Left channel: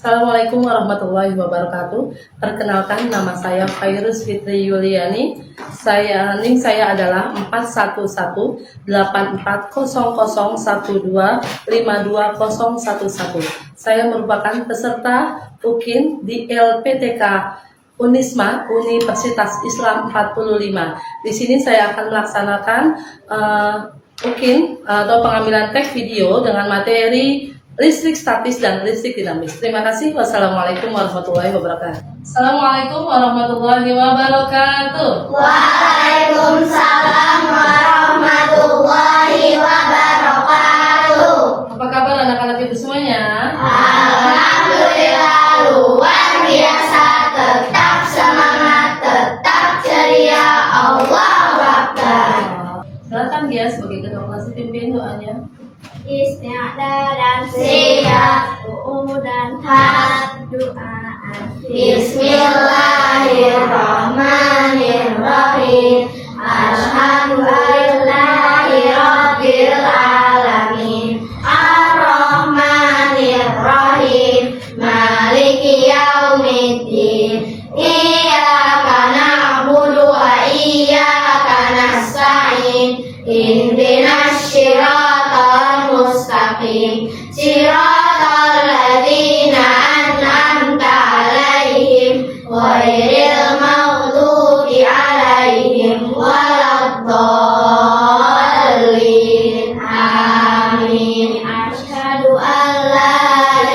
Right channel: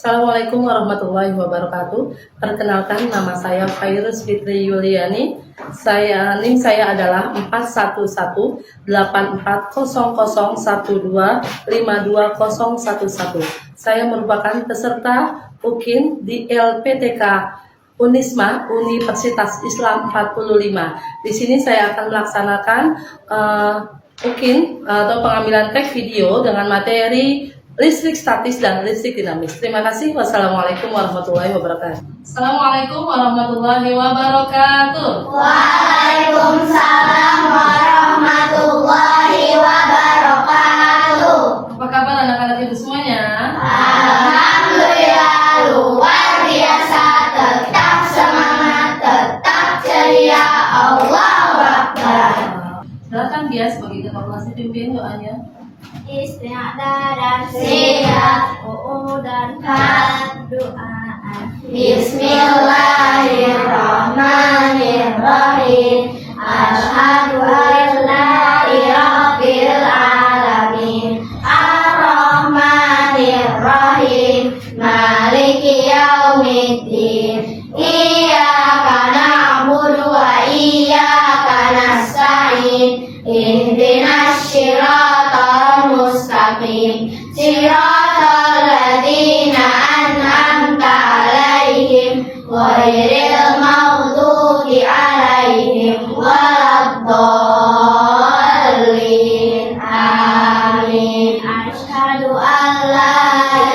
Assalamualaikum warahmatullahi wabarakatuh. Perkenalkan, nama saya Fairuz Fitri Yuliani. NIM saya adalah 411-84000125211. Saya merupakan peserta UKIN di LPTK Unisma Universitas Islam 45. Di sini saya akan melaksanakan UKIN atau pengambilan teks video dengan materi listrik statis dan listrik dinamis. Terima kasih. Wassalamualaikum warahmatullahi wabarakatuh. Assalamualaikum warahmatullahi wabarakatuh. Waalaikumsalam warahmatullahi wabarakatuh. Apa kabar anak-anak ibu semuanya? Alhamdulillah luar biasa, tetap semangat, tetap ceria. Allahu Akbar. Silakan dia sebagai ketua kelas pimpin doanya. Isti'adah dan siap, dan hat doaan. Bismillahirrahmanirrahim. Asyhadu an la ilaha rabbil alamin. Ar-Rahmanir-Rahim. Maliki yaumiddin. Iyyaka na'budu wa iyyaka nasta'in. Ihdinas shiratal mustaqim. Shiratal ladzina an'amta 'alaihim ghairil maghdubi 'alaihim waladdallin. Amin. Asyhadu an la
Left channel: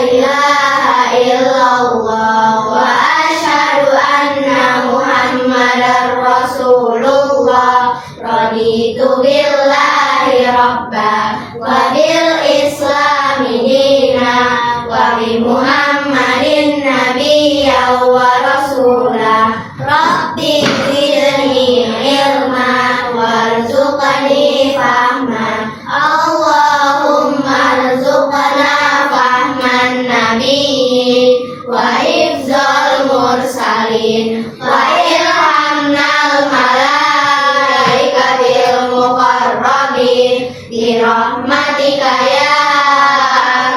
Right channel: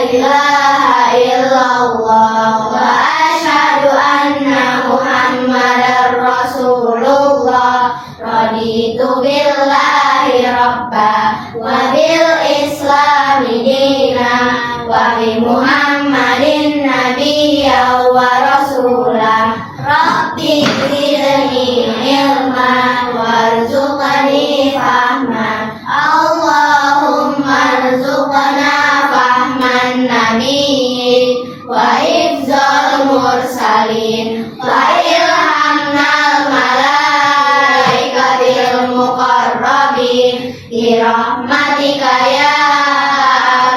ilaha illallah wa asyhadu anna Muhammadar Rasulullah. Raditu billahi rabba wa bil islami dina wa bi Muhammadin nabiyya wa rasula. Rabbi zidni ilma warzuqni fahma. Allahumma rzuqna fahman nabiyyin wa hifzal mursalin wa ilhamnal malaikatil muqarrabin bi rahmatika ya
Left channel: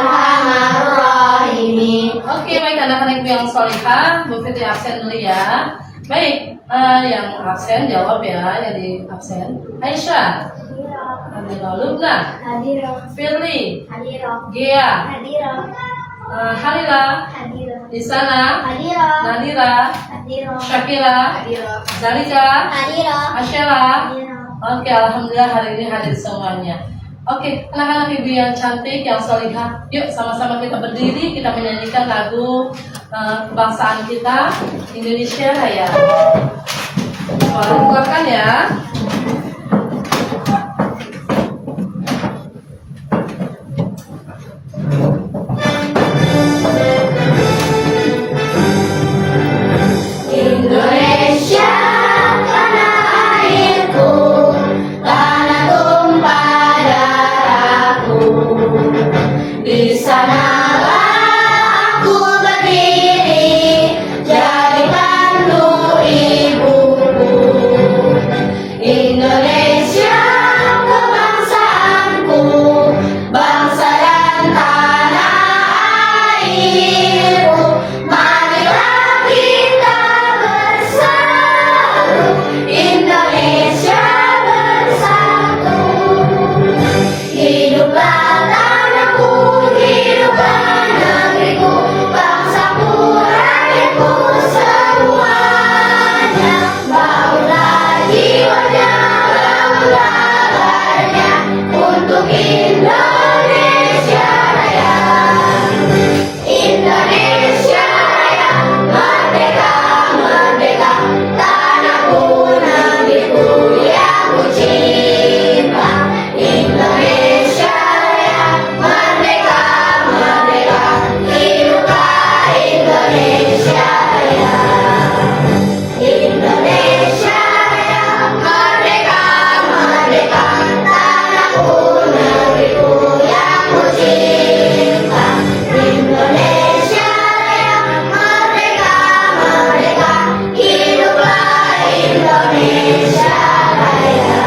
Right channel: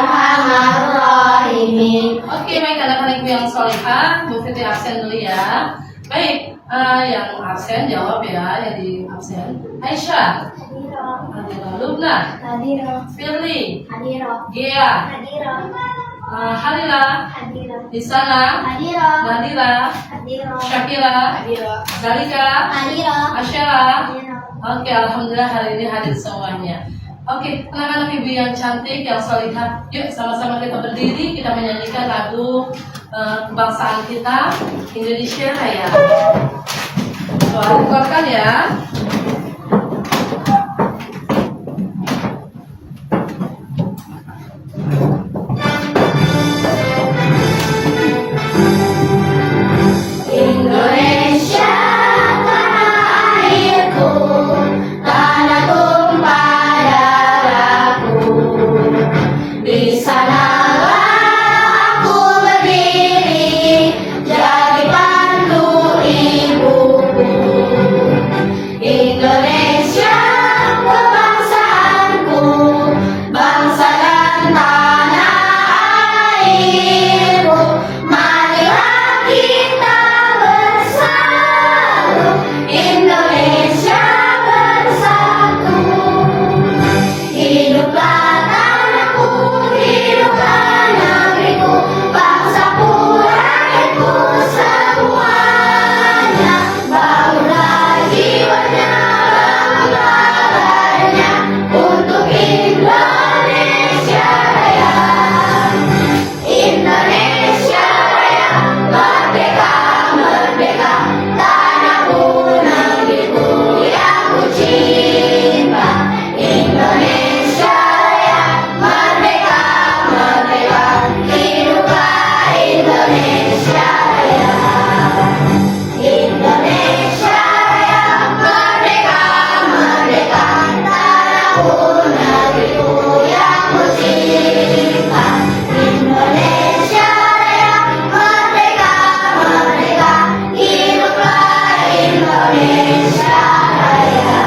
arhamar rahimin. Oke, baik anak-anak ibu yang solihah, Bu Fitri absen dulu ya. Baik, yang absen jawab ya, yang di absen. Aisyah, Hadirah, Lubna, Hadirah, Firly, hadirah, Gia, hadirah, Halila, hadirah, Isana, hadirah, Nadira, hadirah, Syakira, hadirah, Zalika, hadirah, Asyara. hadirah. Oke, alhamdulillah hari ini hadir semuanya. Oke, anak-anak ibu yang cantik, yang solihah, yuk sama-sama kita berdiri, kita menyanyikan lagu kebangsaan kita, Indonesia Raya. Suara dikeluarkan ya. Indonesia tanah airku, tanah tumpah darahku. Di sanalah aku berdiri, jadi pandu ibuku. Indonesia kebangsaanku, bangsa dan tanah airku. Marilah kita bersatu, Indonesia bersatu. Hiduplah tanahku, hiduplah negeriku, bangsaku, rakyatku semuanya. Bangunlah jiwanya, bangunlah badannya untuk Indonesia Raya. Indonesia Raya, merdeka, merdeka, tanahku, negeriku yang ku cinta. Indonesia Raya, merdeka, merdeka, hiduplah Indonesia Raya. Indonesia Raya, merdeka, merdeka, tanahku, negeriku yang ku cinta. Indonesia Raya, merdeka, merdeka, hiduplah Indonesia Raya.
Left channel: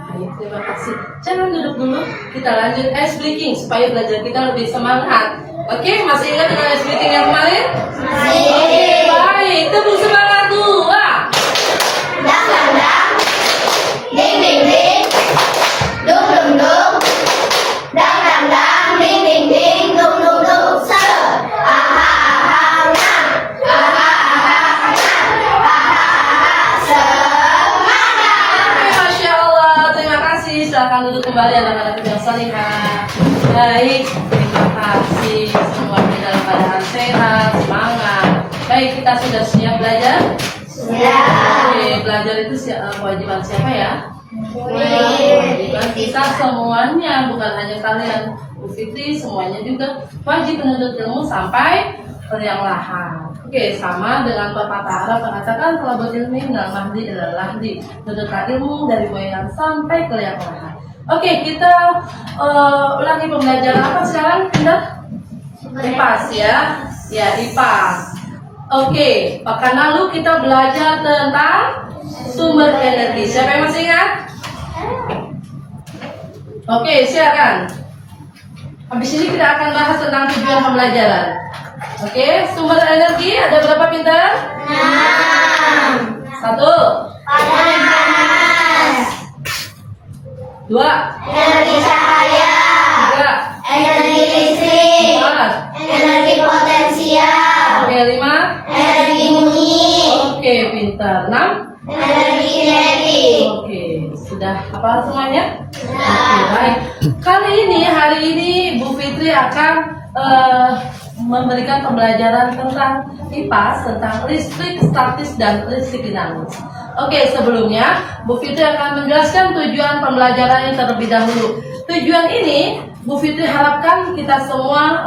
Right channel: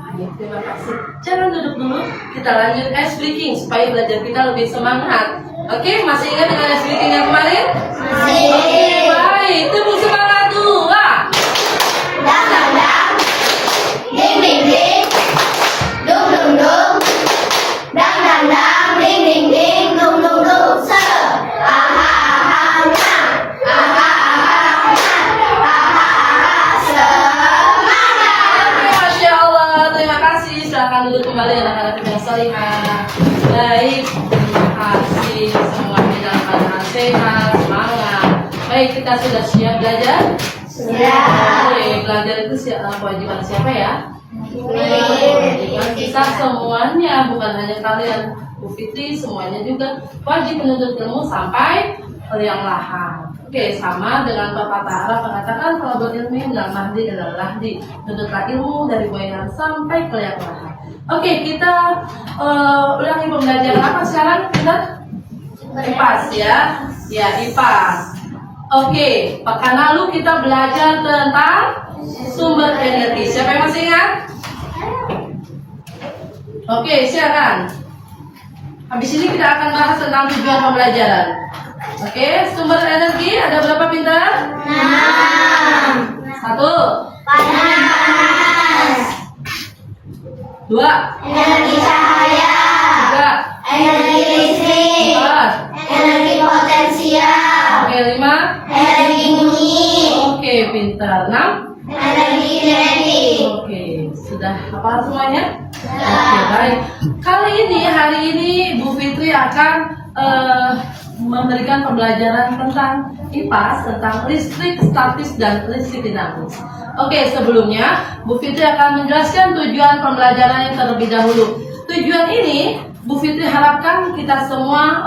Baik, terima kasih. Jangan duduk dulu, kita lanjut ice breaking supaya belajar kita lebih semangat. Oke, masih ingat dengan meeting yang kemarin? Masih. Baik, tepuk semangat dua. Dang dang dang. Ding ding ding. Dung dung dung. Dang dang dang. Ding ding ding. Dung dung dung. Se. Aha aha nah. Aha aha nah. Aha aha semangat. Oke, Masya Allah, terima kasih. Silahkan duduk kembali anak-anak yang salihah. Baik, terima kasih semuanya dalam keadaan sehat, semangat. Baik, kita sudah siap belajar? Sudah. Oke, belajar itu kewajiban siapa ya? Kewajiban kita semuanya, bukan hanya kalian. Bu Fitri semuanya juga wajib menuntut ilmu sampai liang lahat. Oke, sama dengan pepatah Arab mengatakan kalau berilmu adalah mahdi adalah lahdi. Menuntutlah ilmu dari moyang sampai ke liang lahat. Oke, kita ulangi pembelajaran apa sekarang? Pindah IPAS ya. Ya, IPAS. Oke, pekan lalu kita belajar tentang sumber energi. Siapa yang masih ingat? Oke, silakan. Habis ini kita akan bahas tentang tujuan pembelajaran. Oke, sumber energi ada berapa pintar? 6. 1, Panas. 2, Energi cahaya. 3, Energi listrik. 4, Energi potensial. oke 5, Energi bunyi. oke pintar 6. Energi kinetik. Oke, sudah hafal semuanya? Oke, baik. Hari ini Bu Fitri akan memberikan pembelajaran tentang IPAS, tentang listrik statis dan listrik dinamis. Oke, sebelumnya Bu Fitri akan menjelaskan tujuan pembelajaran yang terlebih dahulu. Tujuan ini Bu Fitri harapkan kita semua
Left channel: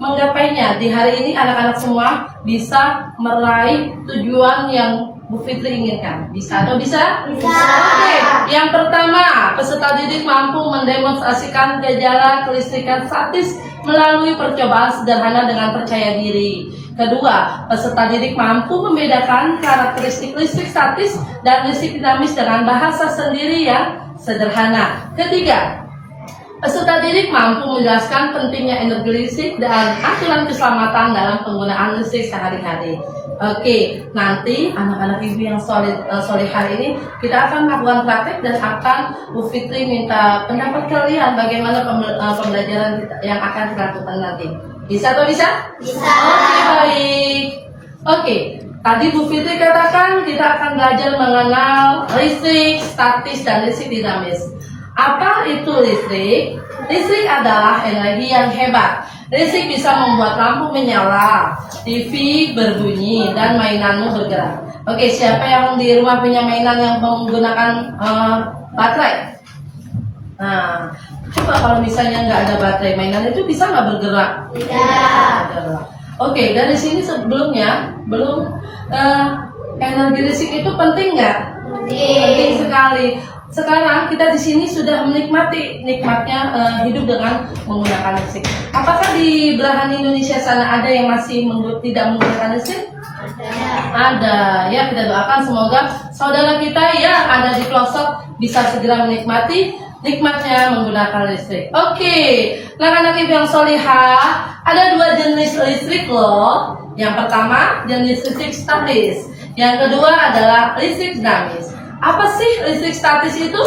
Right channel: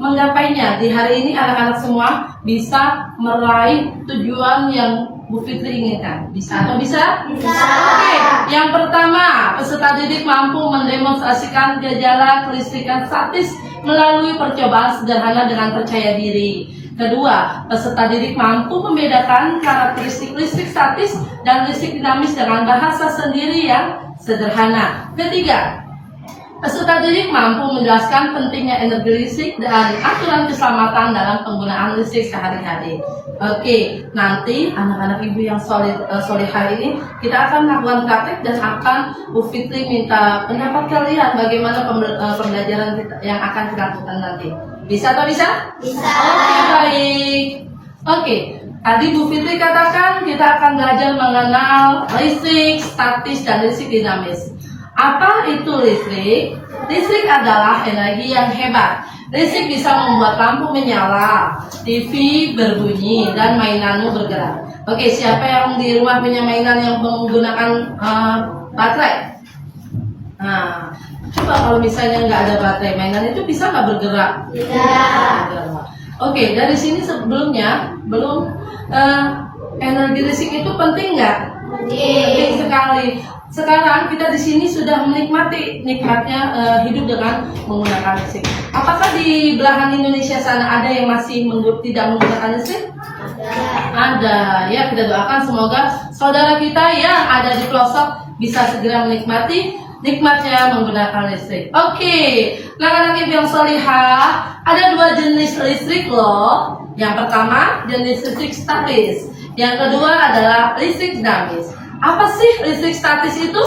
menggapainya. Di hari ini anak-anak semua bisa meraih tujuan yang Bu Fitri inginkan. Bisa atau bisa? Bisa. Oke, yang pertama, peserta didik mampu mendemonstrasikan gejala kelistrikan statis melalui percobaan sederhana dengan percaya diri. Kedua, peserta didik mampu membedakan karakteristik listrik statis dan listrik dinamis dengan bahasa sendiri yang sederhana. Ketiga, peserta didik mampu menjelaskan pentingnya energi listrik dan aturan keselamatan dalam penggunaan listrik sehari-hari. Oke, nanti anak-anak ibu yang sore hari ini kita akan melakukan praktek dan akan Bu Fitri minta pendapat kalian bagaimana pembelajaran kita yang akan kita lakukan nanti. Bisa atau bisa? Bisa. Oke, baik. Oke, tadi Bu Fitri katakan kita akan belajar mengenal listrik statis dan listrik dinamis. Apa itu listrik? Listrik adalah energi yang hebat. Listrik bisa membuat lampu menyala, TV berbunyi, dan mainanmu bergerak. Oke, siapa yang di rumah punya mainan yang menggunakan baterai? Nah, coba kalau misalnya nggak ada baterai, mainan itu bisa nggak bergerak? Tidak. Oke, dari sini sebelumnya energi listrik itu penting nggak? Penting sekali. Sekarang kita di sini sudah nikmatnya hidup dengan menggunakan listrik. Apakah di belahan Indonesia sana ada yang masih tidak menggunakan listrik? Ada. Ya, kita doakan semoga saudara kita yang ada di pelosok bisa segera menikmati nikmatnya menggunakan listrik. Oke, anak-anak ibu yang solihah, ada 2 jenis listrik loh. Yang pertama jenis listrik statis, yang kedua adalah listrik dinamis. Apa sih listrik statis itu?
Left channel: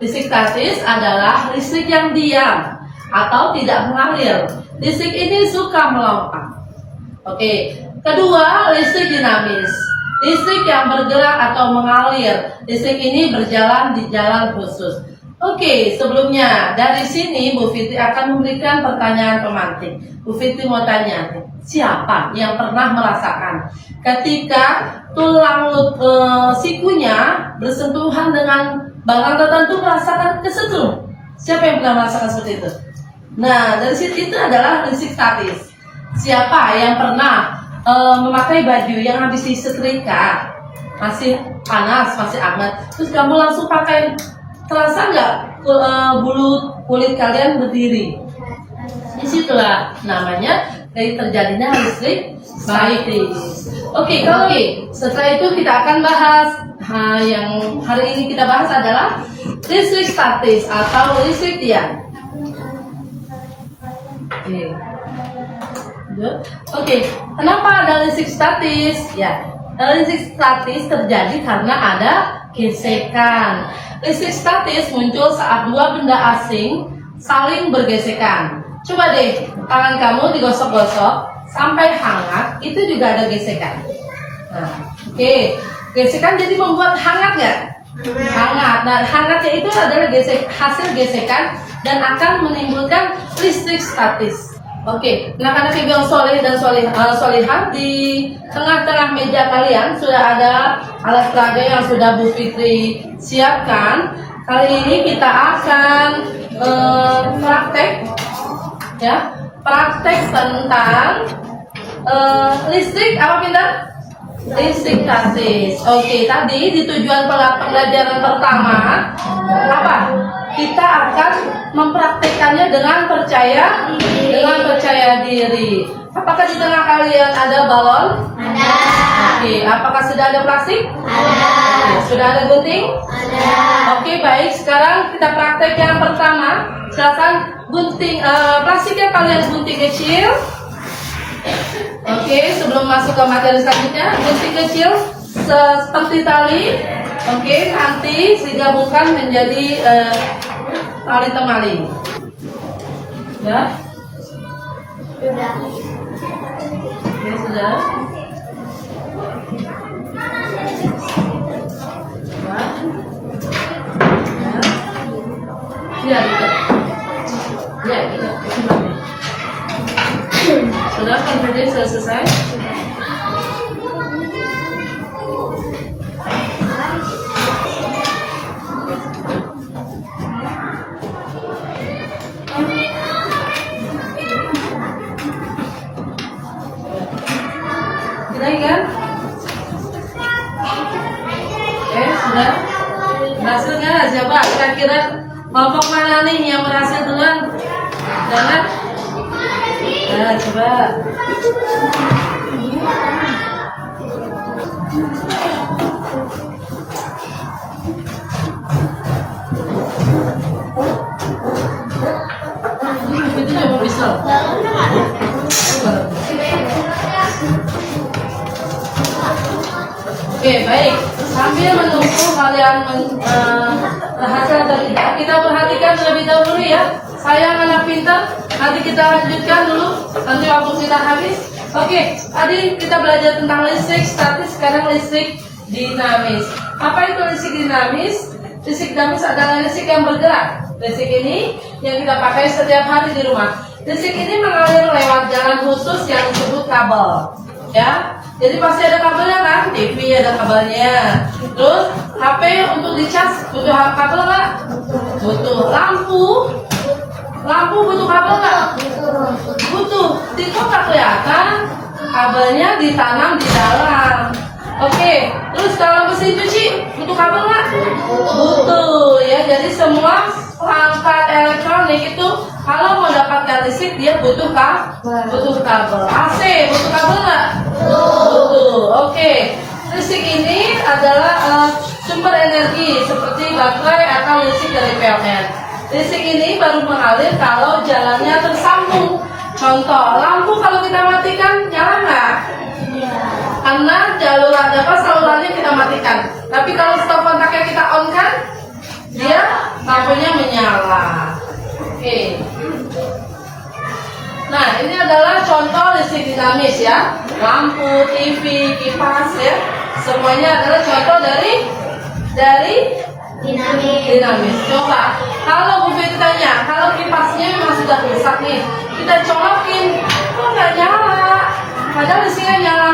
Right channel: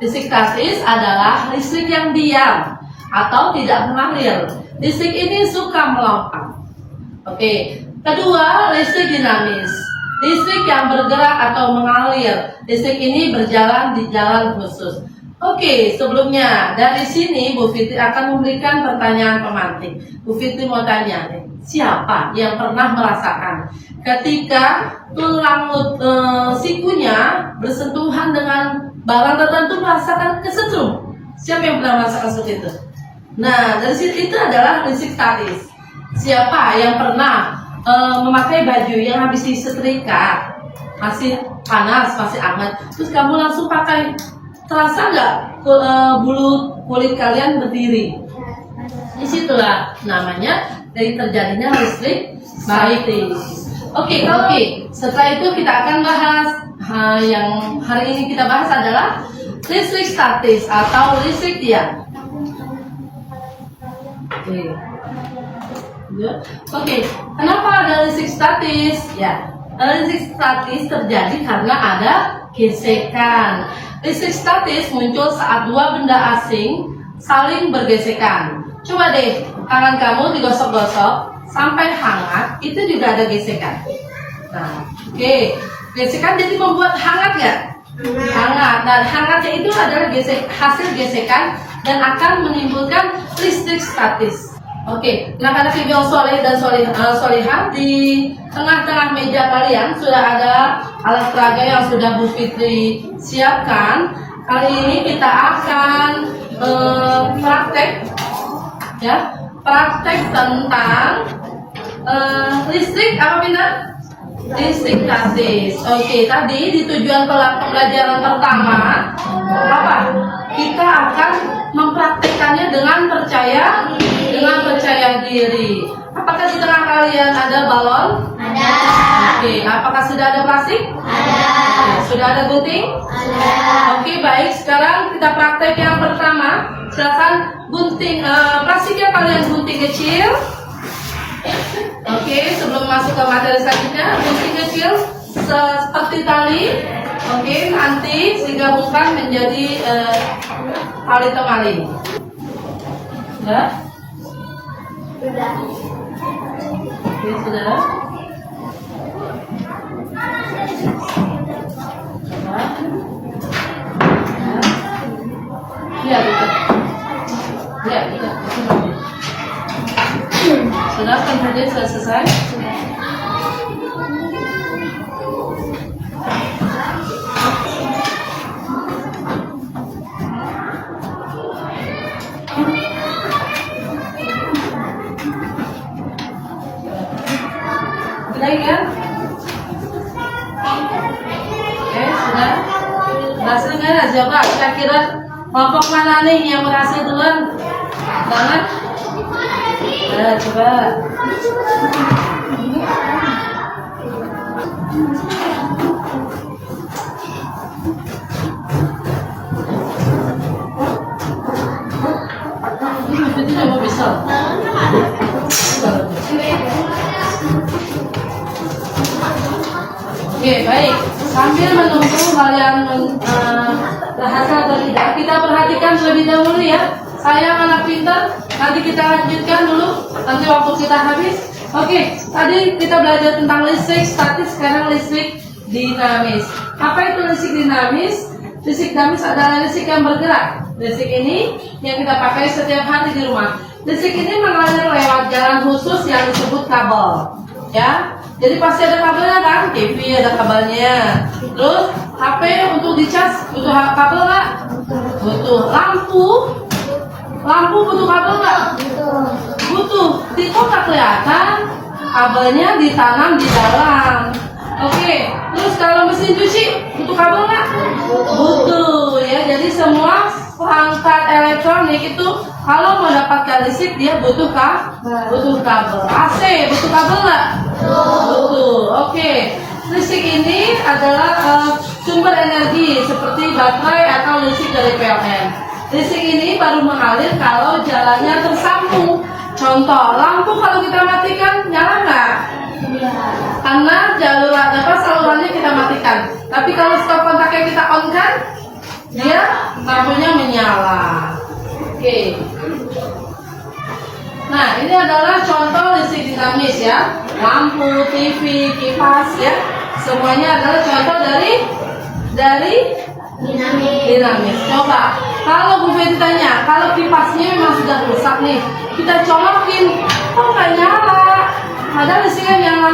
Listrik statis adalah listrik yang diam atau tidak mengalir. Listrik ini suka melompat. Oke. Kedua, listrik dinamis. Listrik yang bergerak atau mengalir. Listrik ini berjalan di jalan khusus. Oke, sebelumnya dari sini Bu Fitri akan memberikan pertanyaan pemantik. Bu Fitri mau tanya, siapa yang pernah merasakan ketika tulang sikunya bersentuhan dengan barang tertentu merasakan kesetrum? Siapa yang pernah merasakan seperti itu? Nah, dari situ itu adalah listrik statis. Siapa yang pernah memakai baju yang habis disetrika, masih panas, masih hangat, terus kamu langsung pakai, terasa nggak bulu kulit kalian berdiri? Disitulah namanya dari terjadinya listrik statis. Oke. Setelah itu kita akan bahas yang hari ini kita bahas adalah listrik statis atau listrik diam. Oke. Oke, kenapa ada listrik statis? Ya, listrik statis terjadi karena ada gesekan. Listrik statis muncul saat dua benda asing saling bergesekan. Coba deh, tangan kamu digosok-gosok sampai hangat, itu juga ada gesekan. Nah, oke, gesekan jadi membuat hangat nggak? Hangat. Nah, hangatnya itu adalah hasil gesekan dan akan menimbulkan listrik statis. Oke, anak-anak ibu yang soleh dan solihah, di tengah-tengah meja kalian sudah ada alat peraga yang sudah Bu Fitri siapkan. Kali ini kita akan praktek, ya, praktek tentang listrik apa Pintar? Listrik statis. Oke, tadi di tujuan pembelajaran pertama apa? Kita akan mempraktikkannya dengan percaya diri. Apakah di tengah kalian ada balon? Ada. Oke, apakah sudah ada plastik? Ada. Oke, sudah ada gunting? Ada. Oke, baik. Sekarang kita praktek yang pertama. Silakan gunting plastiknya kalian gunting kecil. Oke, sebelum masuk ke materi selanjutnya, gunting kecil seperti tali. Oke, nanti digabungkan menjadi tali temali. Ya. Sudah. Oke, sudah. Ya, gitu. Ya, gitu. Sudah, kan sudah selesai. Lagi kan? Sudah. Berhasil nggak? Siapa? Kira-kira kelompok mana nih yang berhasil duluan? Jangan. Nah, coba. Itu coba bisa. Oke, baik. Sambil menunggu kalian berhasil atau tidak, kita perhatikan terlebih dahulu ya. Saya anak pintar, nanti kita lanjutkan dulu. Nanti waktu kita habis. Oke, tadi kita belajar tentang listrik statis, sekarang listrik dinamis. Apa itu listrik dinamis? Listrik dinamis adalah listrik yang bergerak. Listrik ini yang kita pakai setiap hari di rumah. Listrik ini mengalir lewat jalan khusus yang disebut kabel. Ya, jadi pasti ada kabelnya kan? TV ada kabelnya. Terus HP untuk dicas butuh kabel nggak? Butuh. Lampu butuh kabel nggak? Butuh. Itu nggak kelihatan. Kabelnya ditanam di dalam. Oke. Terus kalau mesin cuci butuh kabel nggak? Butuh. Ya, jadi semua perangkat elektronik itu kalau mau dapatkan listrik dia butuh kabel. AC butuh kabel nggak? Butuh. Oke. Listrik ini adalah sumber energi seperti baterai atau listrik dari PLN. Listrik ini baru mengalir kalau jalannya tersambung. Contoh, lampu kalau kita matikan nyala nggak? Karena salurannya kita matikan. Tapi kalau stop kontaknya kita on kan, dia lampunya menyala. Oke. Nah, ini adalah contoh listrik dinamis ya. Lampu, TV, kipas ya. Semuanya adalah contoh dari dinamis. Coba, kalau Bu Fitri tanya, kalau kipasnya memang sudah rusak nih, kita colokin, kok nggak nyala? Padahal listriknya nyala.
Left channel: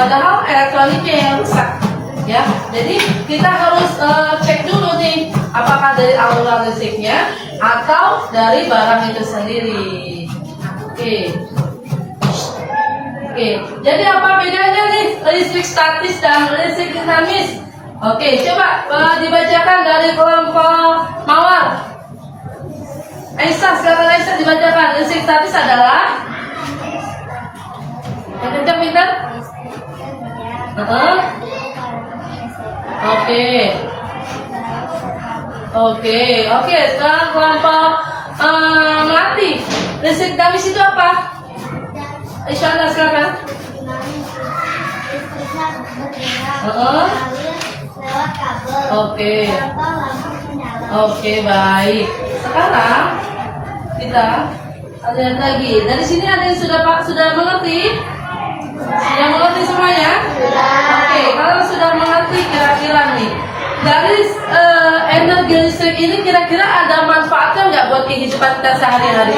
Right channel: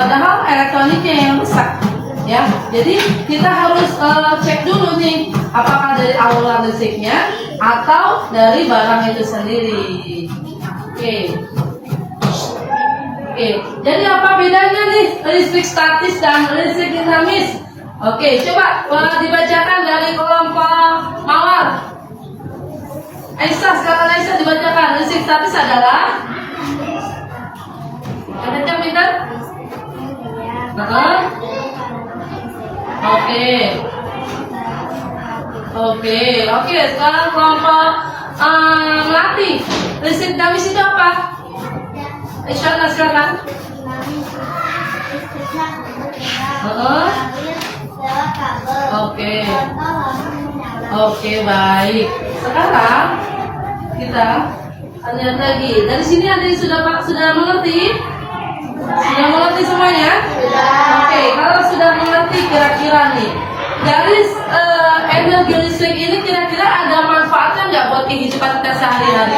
Padahal elektroniknya yang rusak. Ya, jadi kita harus cek dulu nih, apakah dari aliran listriknya atau dari barang itu sendiri. Oke. Jadi apa bedanya nih listrik statis dan listrik dinamis? Oke, coba dibacakan dari kelompok Mawar. Aisyah, silakan Aisyah dibacakan. Listrik statis adalah ada pintar? Oke. Sekarang kelompok Melati. Listrik dinamis itu apa? Isyana silakan. Listriknya bergerak, Heeh. mengalir lewat kabel. Oke. Contoh lampu menyala. Oke, baik. Sekarang kita lihat lagi. Dari sini ada yang sudah mengerti? Sudah mengerti semuanya? Oke, kalau sudah mengerti kira-kira nih dari energi listrik ini kira-kira ada manfaatnya nggak buat kehidupan kita sehari-hari?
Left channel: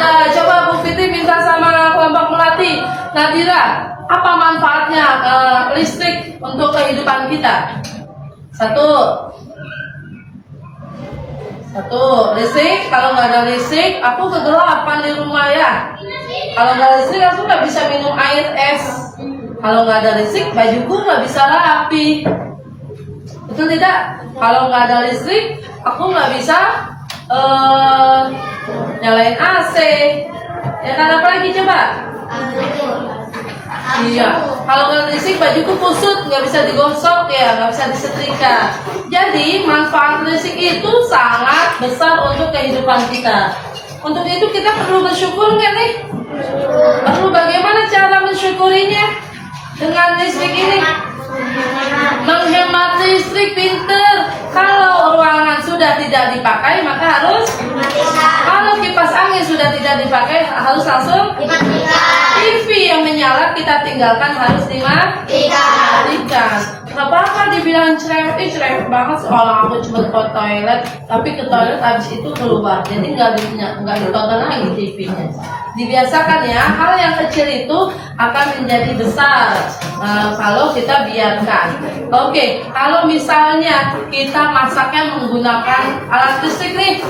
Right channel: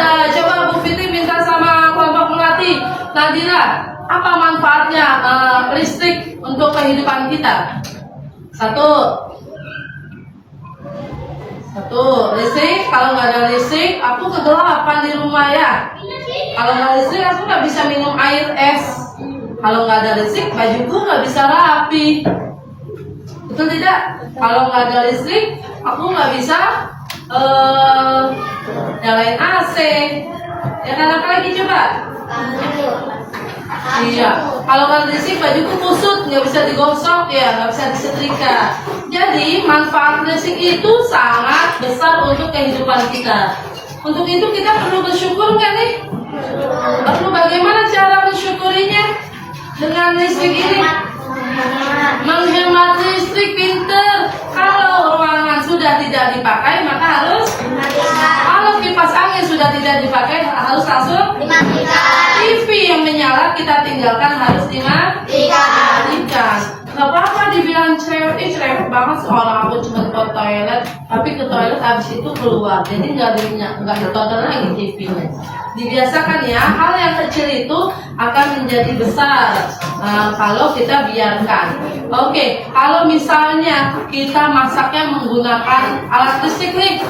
Ada. Coba Bu Fitri minta sama kelompok melatih Nadira, apa manfaatnya listrik untuk kehidupan kita? Satu, listrik. Kalau nggak ada listrik, aku kegelapan di rumah ya. Kalau nggak ada listrik, aku nggak bisa minum air es. Kalau nggak ada listrik, bajuku nggak bisa rapi. Betul tidak? Kalau nggak ada listrik, aku nggak bisa nyalain AC. Ya kan, apa lagi coba? Iya, kalau nggak ada listrik bajuku kusut, nggak bisa digosok ya, nggak bisa disetrika. Jadi manfaat listrik itu sangat besar untuk kehidupan kita. Untuk itu kita perlu bersyukur nggak nih? Perlu bagaimana cara mensyukurinya? Dengan listrik ini menghemat listrik, pinter. Kalau ruangan sudah tidak dipakai maka harus, kalau kipas angin sudah tidak dipakai harus langsung TV yang menyala kita tinggalkan, harus dimatikan. Gak apa-apa dibilang cerewet banget seolah aku cuma ke toilet, tapi ke toilet habis itu keluar, jadi nggak ditonton lagi TV-nya. Dibiasakan ya, hal yang kecil itu akan menjadi besar kalau kita biarkan. Oke, kalau misalnya kita masaknya menggunakan alat listrik nih,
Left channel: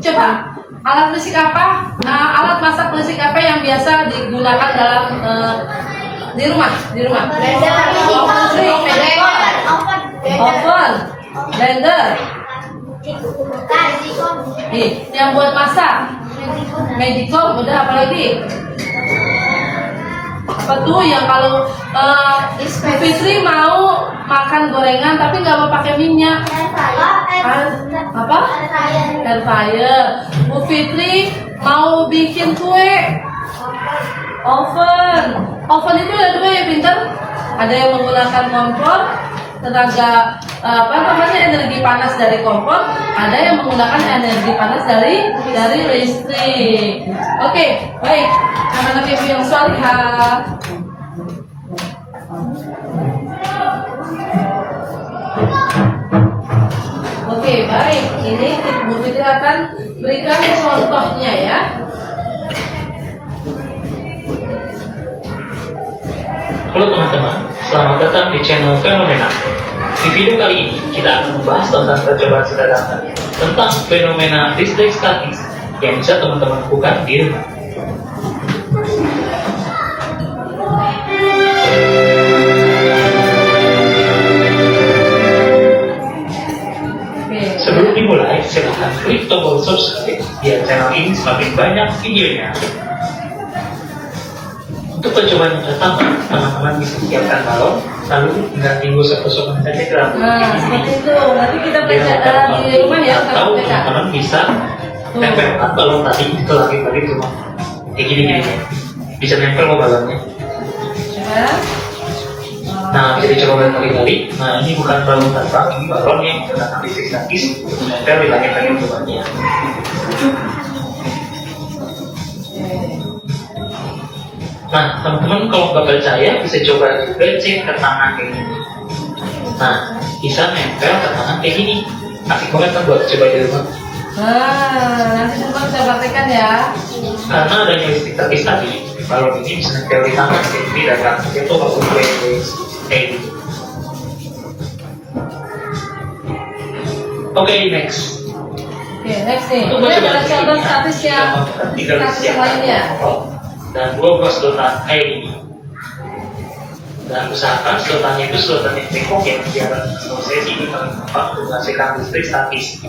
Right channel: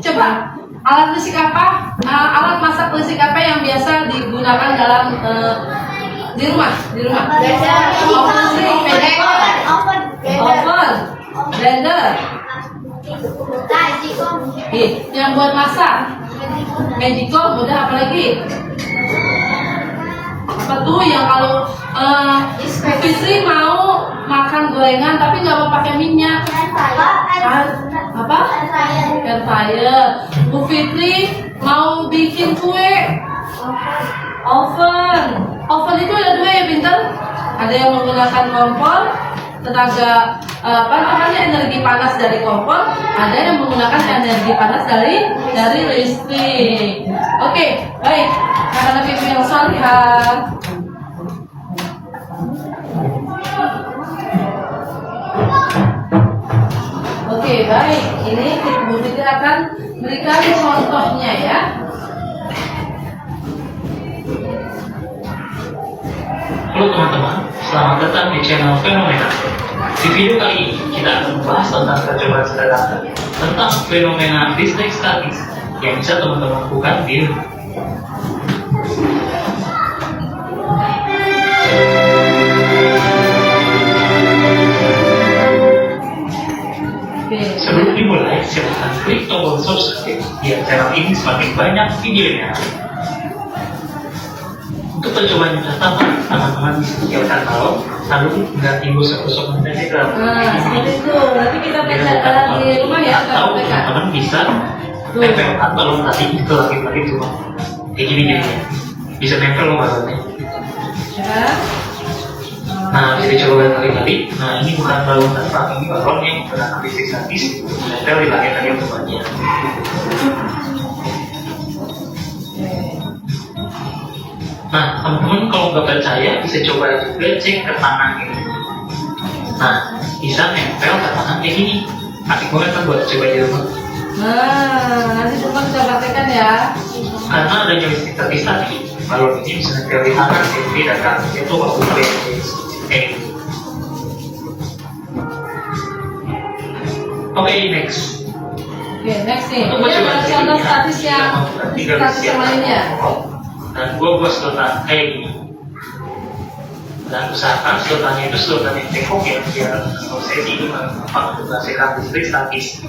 coba alat listrik apa? Alat masak listrik apa yang biasa digunakan dalam di rumah? Oven listrik, oven, blender. Yang buat masak, Magicom, udah apa lagi? Apa tuh yang kalau Fitri mau makan gorengan tapi nggak mau pakai minyak? Apa? Air fryer. Bu Fitri mau bikin kue? Oven. Oven itu ada dua ya, pinter. Ada yang menggunakan kompor, tenaga energi panas dari kompor, ada yang menggunakan energi panas dari listrik. Oke, baik. Anak-anak ibu yang salihah. Oke, baik. Ini Bu Fitri akan berikan contohnya ya. Halo teman-teman, selamat datang di channel Fenomena. Di video kali ini kita akan membahas tentang percobaan sederhana tentang fenomena listrik statis yang bisa teman-teman lakukan di rumah. Sebelum dimulai, silakan klik tombol subscribe biar channel ini semakin banyak videonya. Untuk percobaan yang pertama, teman-teman bisa siapkan balon, lalu tinggal tunggu 1 menit saja ke Seperti itu. Berarti kita belajar di rumah ya, atau teman-teman bisa nempelkan balon tadi ke langit-langit rumah. Kayak gini ya. Bisa nempel loh balonnya. Ya. Nah, kita coba kali-kali. Nah, ini bukan balon terbang, ini balon yang menggunakan listrik statis nempel di langit-langit rumahnya. Nah, teman-teman kalau nggak percaya bisa coba juga cek ke tangan kayak gini. Nah, bisa nempel ke tangan kayak gini. Asik banget kan buat coba di rumah. Nanti teman bisa praktekkan ya. Karena adanya listrik statis tadi, balon ini bisa nempel di tangan kayak gini dan tangan itu kalau kayak gini. Oke, next. Oke, next nih. Untuk Ini percobaan ada contoh statis yang lainnya. Dan gua buat sedotan kayak gini. Dan usahakan sedotannya itu sedotan yang cekok ya, biar kalau saya sih gampang untuk menghasilkan listrik statis.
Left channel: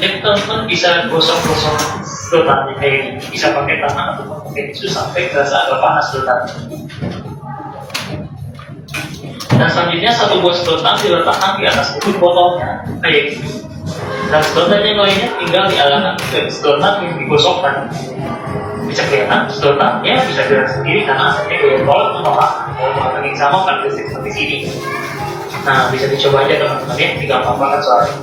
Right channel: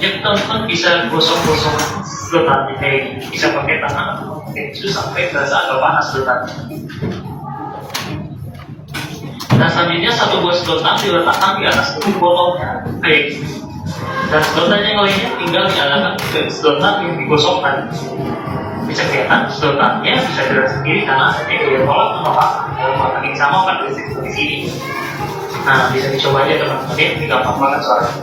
Yang teman-teman bisa gosok-gosok sedotannya kayak gini, bisa pakai tangan atau pakai tisu sampai terasa agak panas sedotannya. Dan selanjutnya satu buah sedotan diletakkan di atas kulit botolnya kayak gini. Dan sedotan yang lainnya tinggal diarahkan ke sedotan yang digosokkan. Bisa kelihatan sedotannya bisa gerak sendiri karena adanya gaya tolak itu maka yang sama karakteristik seperti sini. Nah, bisa dicoba aja teman-teman ya, ini gampang banget soalnya.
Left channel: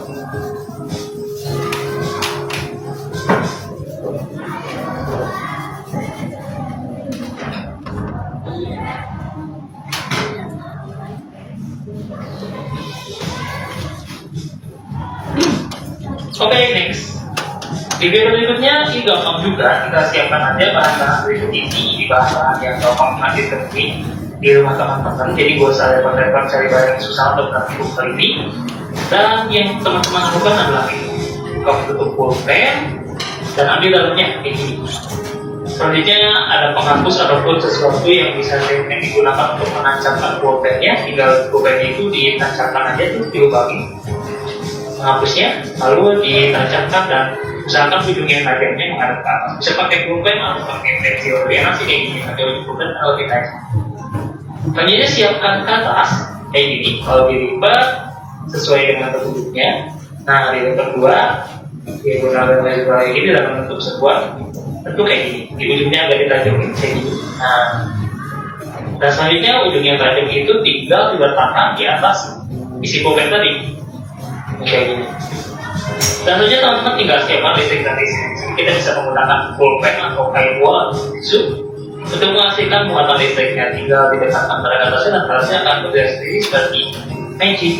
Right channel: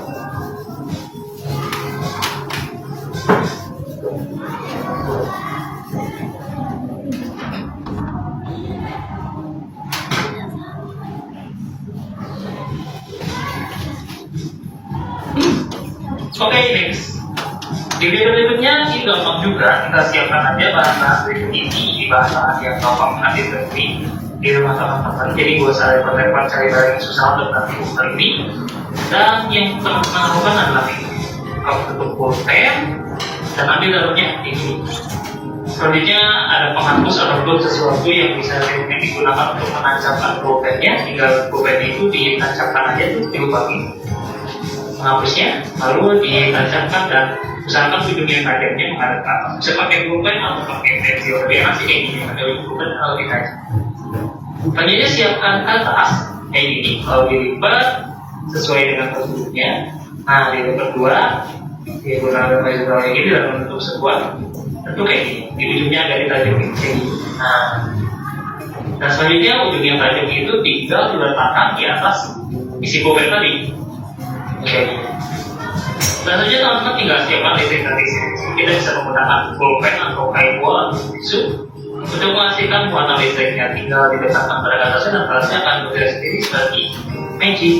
Oke, next. Di video berikutnya ini gampang juga, kita siapkan aja bahan-bahan berikut ini di bahan yang gampang nanti seperti di rumah teman-teman. Jadi gak usah repot-repot cari barang yang susah untuk nanti kali ini. Dan yang teman-teman lakukan adalah ini, buka tutup pulpen dan ambil dalamnya ini. Selanjutnya ada penghapus ataupun sesuatu yang bisa digunakan untuk menancapkan pulpennya. Tinggal pulpennya itu ditancapkan aja tuh dilubangi menghapusnya, lalu ditancapkan dan usahakan ujungnya tajamnya menghadap ke atas. Bisa pakai pulpen atau pakai pensil, lebih enak sih kayak gini, pakai pulpen atau ditajam. Selanjutnya siapkan ke atas kayak gini, kalau dilipat sesuai dengan bentuknya. Nah, dilipat dua, digunakan juga kayak gini dalam bentuk sebuah bentuk kayak gini. Di ujungnya agak ditajamin kayak gini. Nah, dan selanjutnya ujungnya tajam itu tinggal diletakkan di atas isi pulpen tadi. Oke. Dan selanjutnya teman-teman tinggal siapkan listrik dari sini. Kita bisa menggunakan pulpen atau kain wol atau tisu untuk menghasilkan muatan listriknya. Tinggal didekatkan pada atasnya dan atasnya akan bergerak sendiri seperti magic.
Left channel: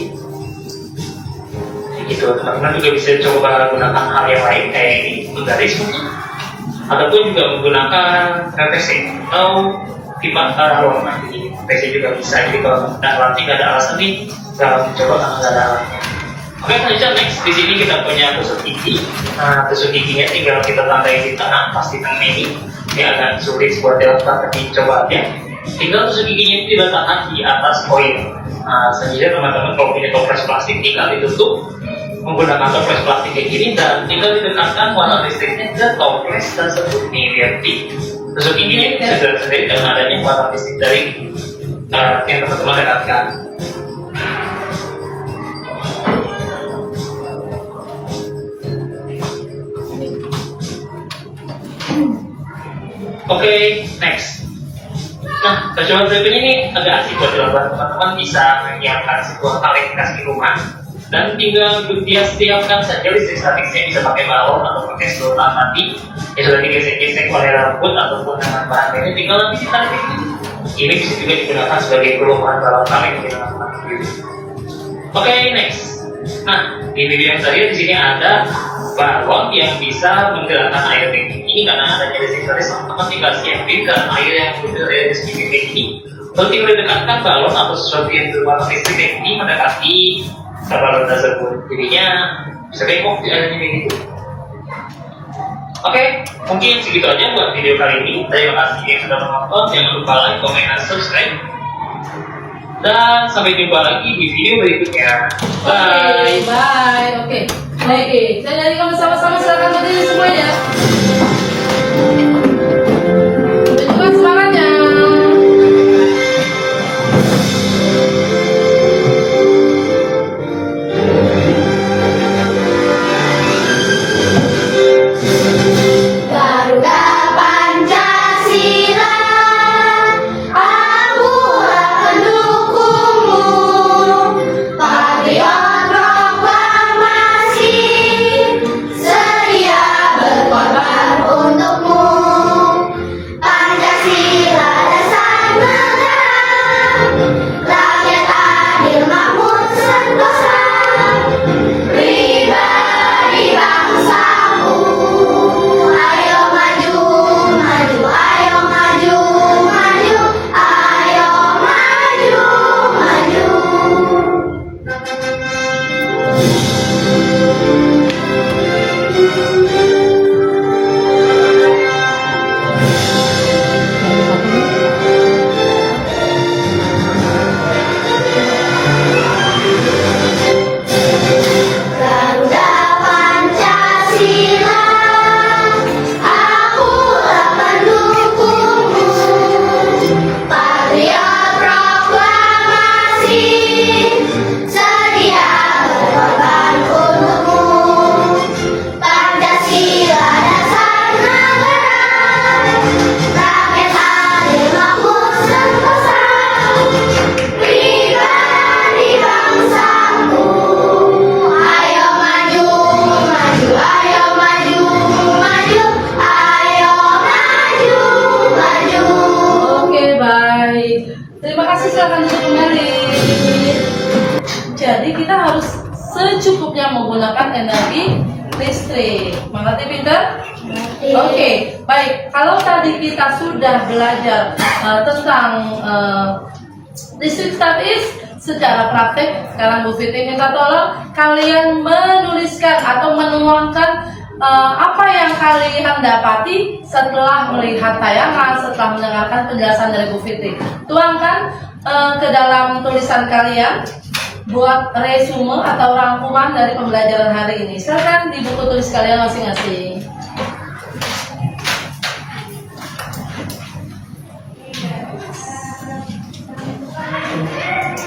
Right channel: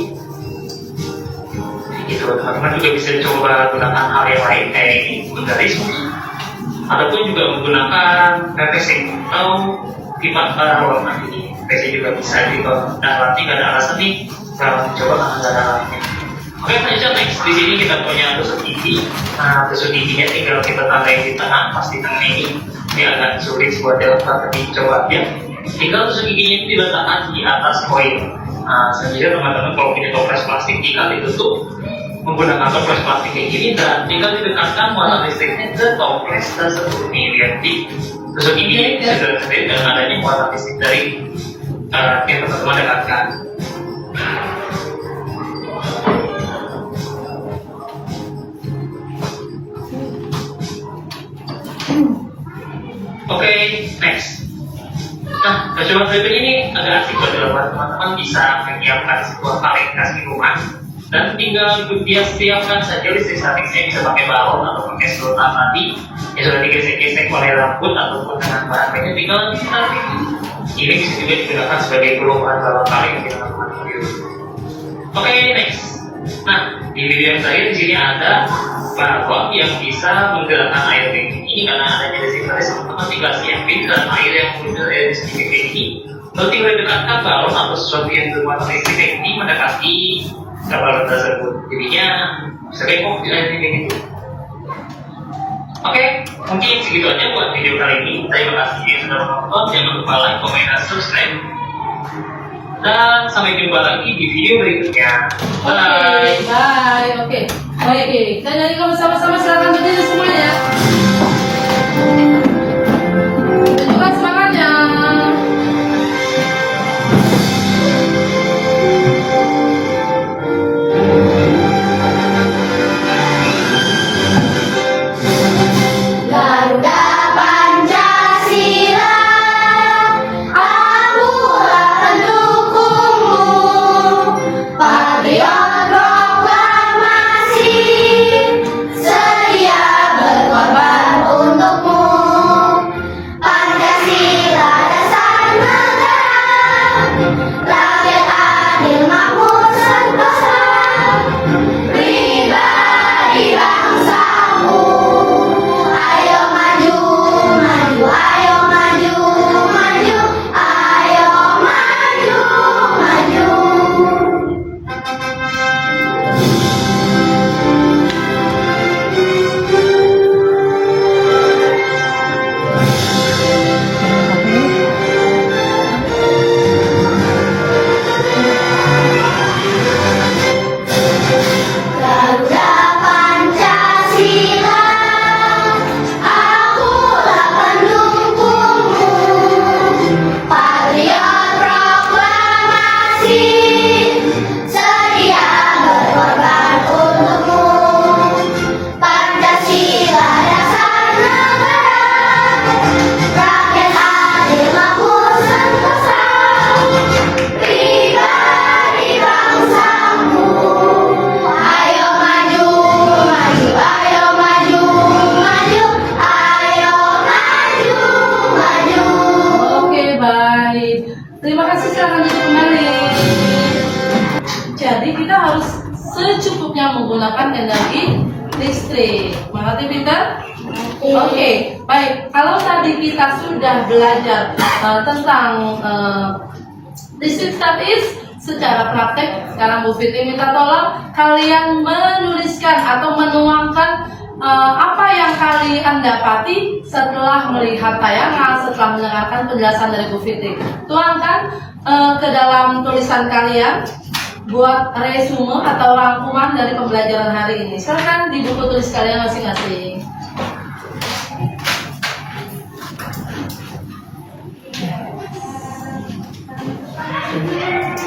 Gitu, teman-teman juga bisa coba menggunakan hal yang lain kayak ini, garis ataupun juga menggunakan PVC atau pipa warna ini. PVC juga bisa. Jadi kalau nggak ada alasan nih, kalau coba karena nggak ada alatnya. Oke, selanjutnya next di sini kita punya tusuk gigi. Nah, tusuk giginya tinggal kita tandai di tengah, pastikan ini agak sulit buat diletakkan, dicoba ya. Tinggal tusuk giginya itu diletakkan di atas koin. Nah, selanjutnya teman-teman kalau punya toples plastik tinggal ditutup menggunakan toples plastik kayak gini dan tinggal didekatkan muatan listriknya ke toples tersebut. Nih lihat di tusuk giginya sudah sendiri dan adanya muatan listrik dari yang teman-teman dekatkan. Oke, next. Nah, percobaan berikutnya ini agak asik buat dilakukan. Teman-teman bisa menyiapkan sebuah kaleng khas di rumah dan tinggal dia setiapkan saja listrik statiknya, bisa pakai balon atau pakai sedotan tadi yang sudah digesek-gesek oleh rambut ataupun dengan bahan lainnya, tinggal nanti ditarik ini bisa juga digunakan sebagai perubahan dalam kaleng kita teman-teman. Oke, next. Nah, di video yang terakhir di sini ada balon yang bisa menggerakkan air kayak gini. Karena adanya listrik statis, teman-teman tinggal siapin ke air yang mengalir dari segi kayak gini. Lalu tinggal dekatkan balon atau sesuatu yang bermuatan listrik kayak gini mendekati balon tersebut. Jadinya bisa bengkok di air kayak gitu. Oke, mungkin segitu aja buat video kali ini. Terima kasih yang sudah menonton. Jangan lupa like, komen, dan subscribe. Dan sampai jumpa lagi di video berikutnya. Bye. Bye. Oke. Baik, kita nyanyi sama-sama, silakan berdiri semuanya. Tunjukkan semangatnya. Garuda Pancasila, aku akan dukungmu. Patriot proklamasi, setia semuanya menggunakan energi listrik. Mengerti, Peter? Oke, baik. Kalau tadi kita sudah belajar tentang listrik statis secara praktek, sekarang Bu Fitri minta tolong kalian menuliskan atau menuangkan apa yang kalian dapati setelah melihat tayangan, setelah mendengarkan penjelasan dari Bu Fitri. Tuangkan ke dalam tulisan kalian buat resume atau rangkuman dari pembelajaran hari ini. Silakan di buku tulis kalian masing-masing.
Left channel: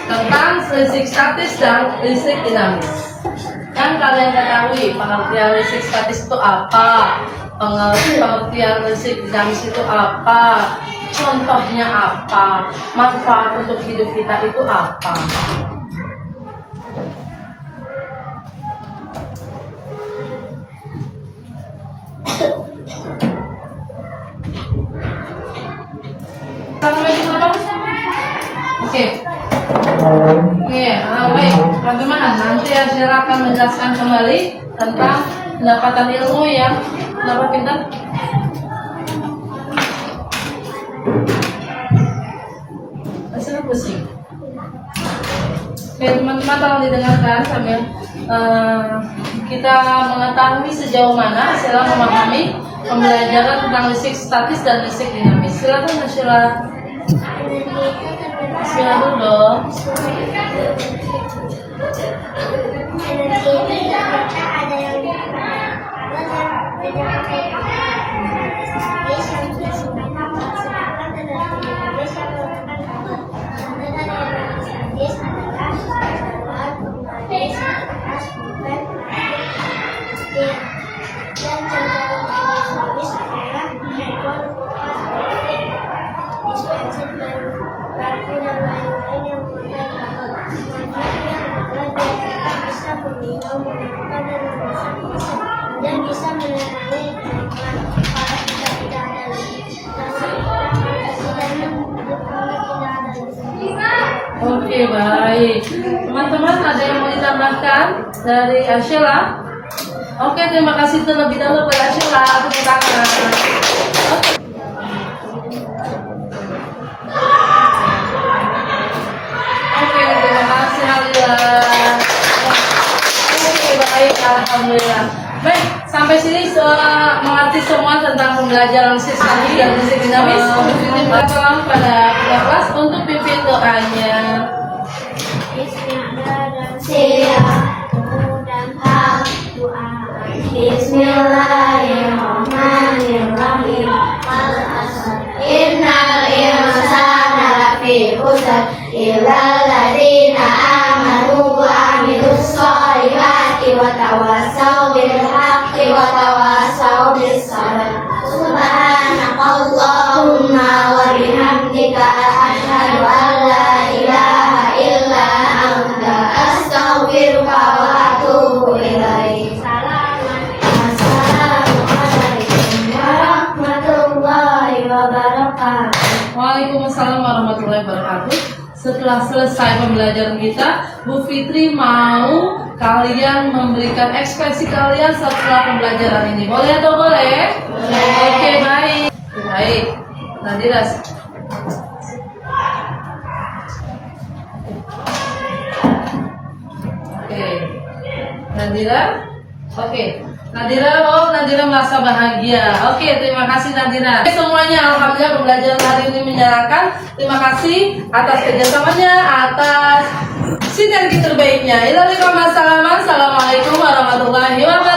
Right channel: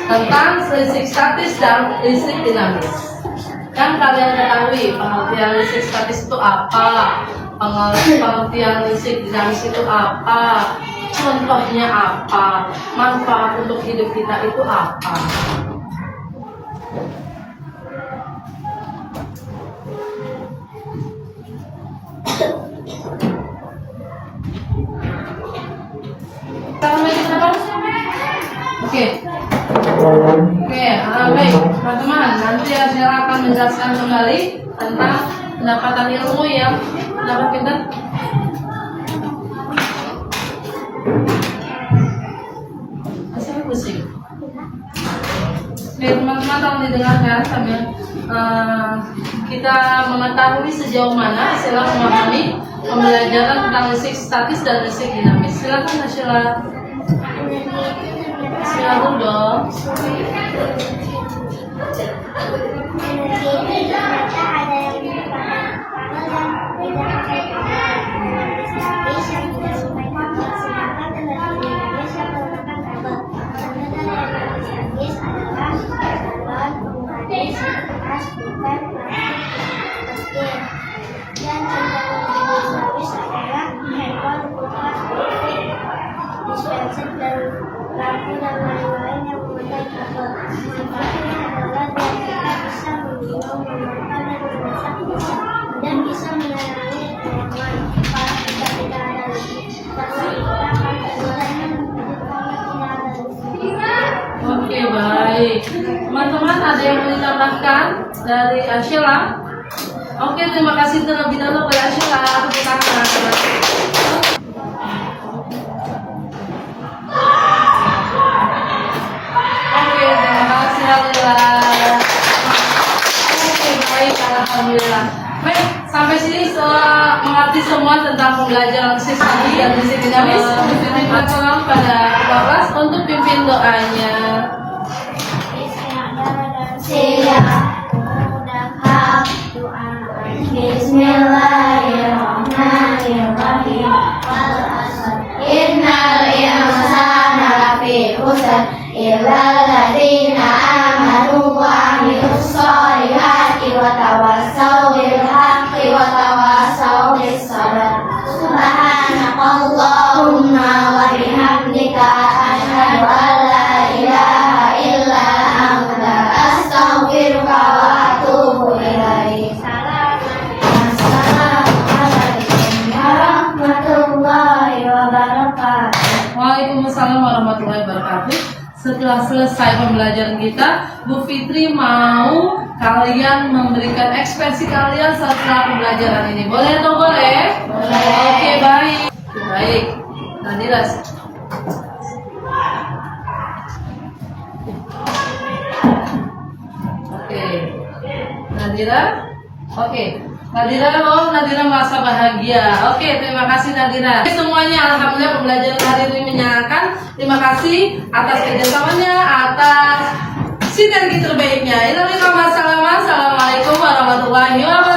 Tentang listrik statis dan listrik dinamis. Kan kalian ketahui pengertian listrik statis itu apa, pengertian listrik dinamis itu apa, contohnya apa, manfaat untuk hidup kita itu apa. Oke. Baik, teman-teman. Nanti saya akan menjelaskan kembali tentang pendapatan ilmu yang dapat kita. Saya pusing. Oke, teman-teman, tolong didengarkan sambil kita mengetahui sejauh mana Sheila memahami pembelajaran tentang listrik statis dan listrik dinamis. Silakan, Sheila. Bismillah dulu. Energi itu ternyata ada yang dipakai kabel dan tidak pakai kabel. Energi statis yang disimpan kabel, sedangkan energi dinamis yang menggunakan kabel. Contoh dari energi statis adalah galon, pemanis, kertas, pulpen, plastik, mesin. Dan contoh energi dinamis adalah handphone, kulkas, listrik, dispenser, dan lampu dan lain-lain yang menggunakan kabel. Manfaatnya adalah kita bisa meminum, memakan, dan memasak dan bisa menerangi lingkungan. Kalau kita tidak ada listrik, karena kita akan kesulitan hidup kalau tidak ada listrik. Oke, baik. Teman-teman, ada yang mau ditambahkan dari Sheila? Oke, terima kasih terlebih dahulu kepada Sheila. Tepuk tangan. Oke, terima kasih Alhamdulillah. Oke, baik, Alhamdulillah. Baik, sampai sini mengerti semua tentang pembelajaran listrik statis dan listrik dinamis. Ini pertolongan pada kelas untuk pimpin doanya. Bismillahirrahmanirrahim. Innal insana lafi khusr illa alladziina aamanu wa 'amilus shalihati wa tawassaw bil haqqi wa tawassaw bis sabr. Subhanakallahumma wa bihamdika asyhadu an la ilaha illa anta astaghfiruka wa atubu ilaik. Assalamualaikum warahmatullahi wabarakatuh. Waalaikumsalam warahmatullahi wabarakatuh. Setelah selesai pembelajaran kita, Bu Fitri mau kalian memberikan ekspresi kalian setelah pembelajaran ini. Boleh atau boleh? Boleh. Oke, baik. Baik. Nadira. Oke. Nadira? Oke. Nadira merasa bahagia. Oke, terima kasih Nadira. Oke, semuanya alhamdulillah pembelajaran hari ini menyenangkan. Terima kasih atas kerjasamanya, atas sinergi terbaiknya. Assalamualaikum warahmatullahi wabarakatuh.